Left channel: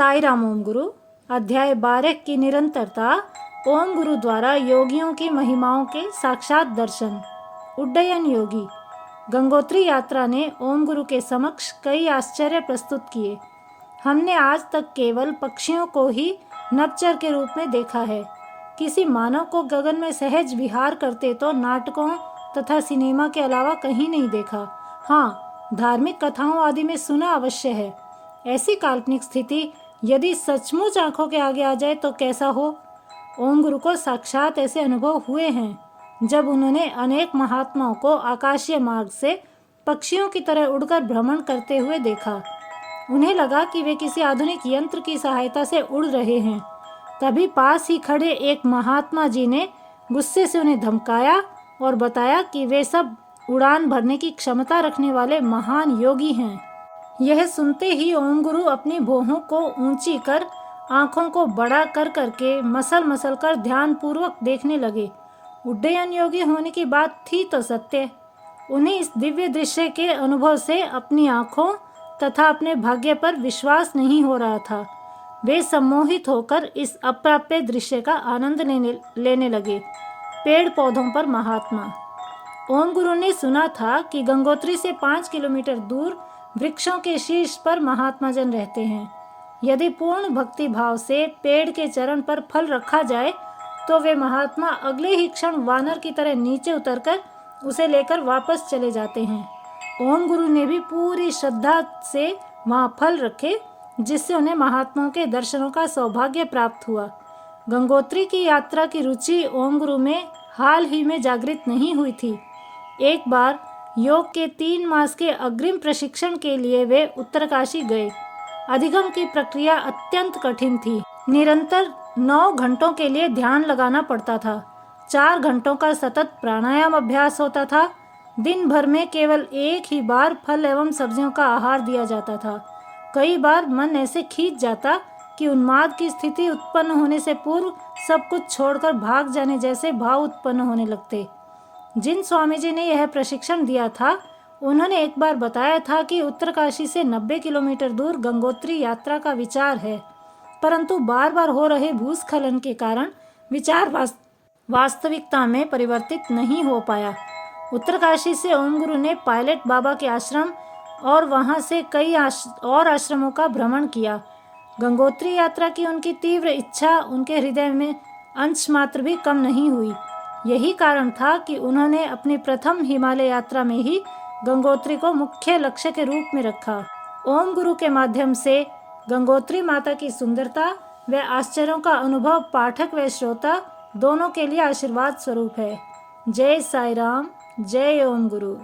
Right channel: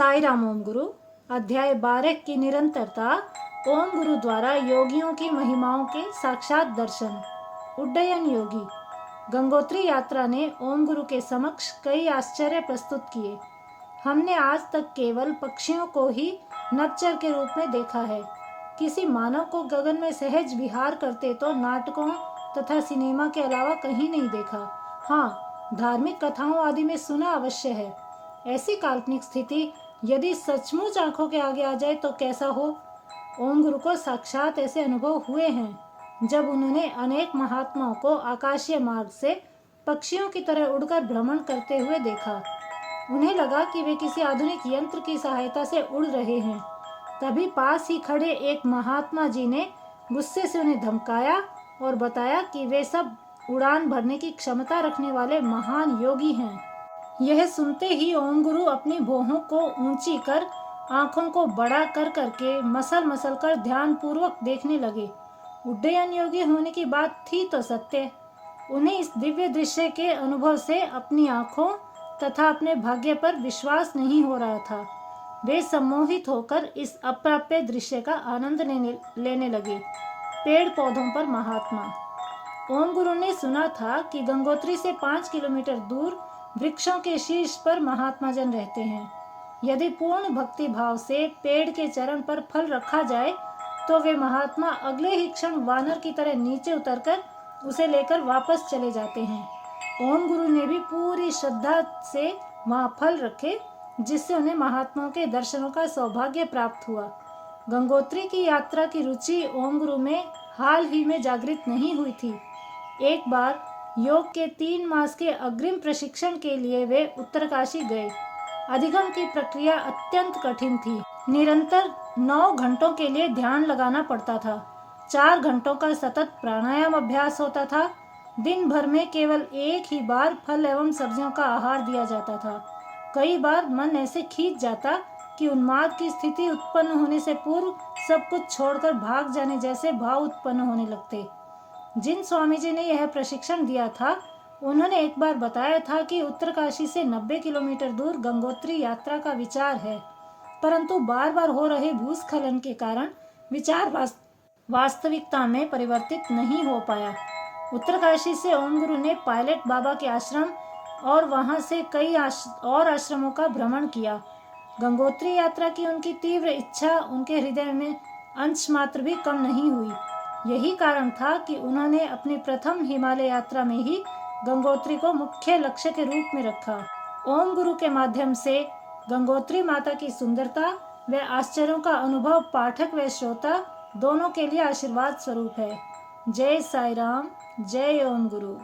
साई राम ओम गुरु। अध्याय 12 की निरंतरता। ओम गुरु द्वारा योगियों की महिमाओं के साक्षात दर्शन। उड्डयन योगी। गंगोत्री यात्रा ने ओम गुरु के समक्ष कई आश्चर्य प्रस्तुत किए। हमने आज तक केवल पक्षियों को ही नभचर के रूप में देखा है। किसी मानव को गगन में सहज विहार करते तो नाटकों तथा सिनेमा के अलावा कहीं नहीं देखा। हाँ, धार्मिक कथाओं आदि में सुना अवश्य है। ऐसी काल्पनिक स्थिति यदि सचमुच आंखों के आगे आ जाए तो कैसा हो। ओम गुरु को साक्षात ऐसे अनुभव हुए हैं जब उन्होंने अनेक महात्माओं को आकाशीय मार्ग से पक्षियों की तरह उड़कर भ्रमण करते हुए देखा। उन्हें लगा कि वे किसी आधुनिक यंत्र की सहायता से उड़ रहे हैं। तभी पास ही खड़े एक महात्मा जी ने गुस्से से उन्हें धमकाया और बताया कि वे सब उड़ान भरने की क्षमता रखने वाले महान योगी हैं। यह सुनते ही ओम गुरु अपनी भौहों को ऊंची कर आंखों को बड़ा कर करके मसल मसल कर ध्यान पूर्वक देखने लगे। उड्डयन योगी होने की बात थी तो सत्य। उन्हें इस दिव्य दृश्य के अनुभव से अपनी आंखों तथा अपने भाग्य पर विश्वास नहीं हो रहा था। वे सम्मोहित होकर इस अप्राप्य दृश्य का आनंद लेने लगे। पेड़ पौधों पर महात्मा। ओम गुरु ने सुना था कि गंगोत्री से 5 किलोमीटर दूर वृक्षों के शीर्ष पर महात्मा जन रहते हैं। यदि पूर्ण भक्ति भाव से पेड़ के चरण पर फल रखा जाए तो वे महात्मा अगले ही क्षण वानर की तरह नीचे उतरकर उसे लेकर वापस चले जाते हैं। ओम गुरु ने भी पूरी श्रद्धा से वहां फल रखे, जिससे उन्हें महात्माओं के दर्शनों का सौभाग्य प्राप्त हुआ। गंगोत्री की यात्रा की रुचि ओम गुरु में हाल ही में जागृत नहीं हुई थी। एक बार योग के 3 मास के अग्रिम प्रशिक्षण के लिए वे उत्तरकाशी गए। अधिगम की प्रक्रिया अत्यंत कठिन थी। निरंतर 9 घंटों के लिए ध्यान लगाना पड़ता था। 4 घंटों का सतत प्राणायाम अभ्यास होता था। दिन भर में केवल एक ही बार फल एवं सब्जियों का आहार दिया जाता था। कई बार मन ऐसे खींच जाता कि उन्माद की स्थिति उत्पन्न होने से पूर्व सब कुछ छोड़कर भाग जाने जैसे भाव उत्पन्न होने लगते। जिन स्वामी जी ने यह प्रशिक्षण दिया था, उन्होंने एक बार बताया था कि उत्तरकाशी से 90 किलोमीटर दूर गंगोत्री यात्रा का विचार है, परंतु बार बार हो रहे भूस्खलन के कारण विचार वास्तविकता में परिवर्तित नहीं हो पाया। उत्तरकाशी से ओम गुरु ने पायलट बाबा के आश्रम और वहां से कई और आश्रमों का भ्रमण किया। गंगोत्री यात्रा की उनकी तीव्र इच्छा उनके हृदय में अंश मात्र भी कम नहीं हुई। यही कारण था कि उन्होंने अपनी प्रथम हिमालय यात्रा में ही गंगोत्री को मुख्य लक्ष्य के रूप में रखा। ओम गुरु के माध्यम से गंगोत्री माता की सुंदरता व आश्चर्यों का अनुभव पाठक व श्रोता दोनों के लिए आशीर्वाद स्वरूप है। जय साई राम, जय ओम गुरु।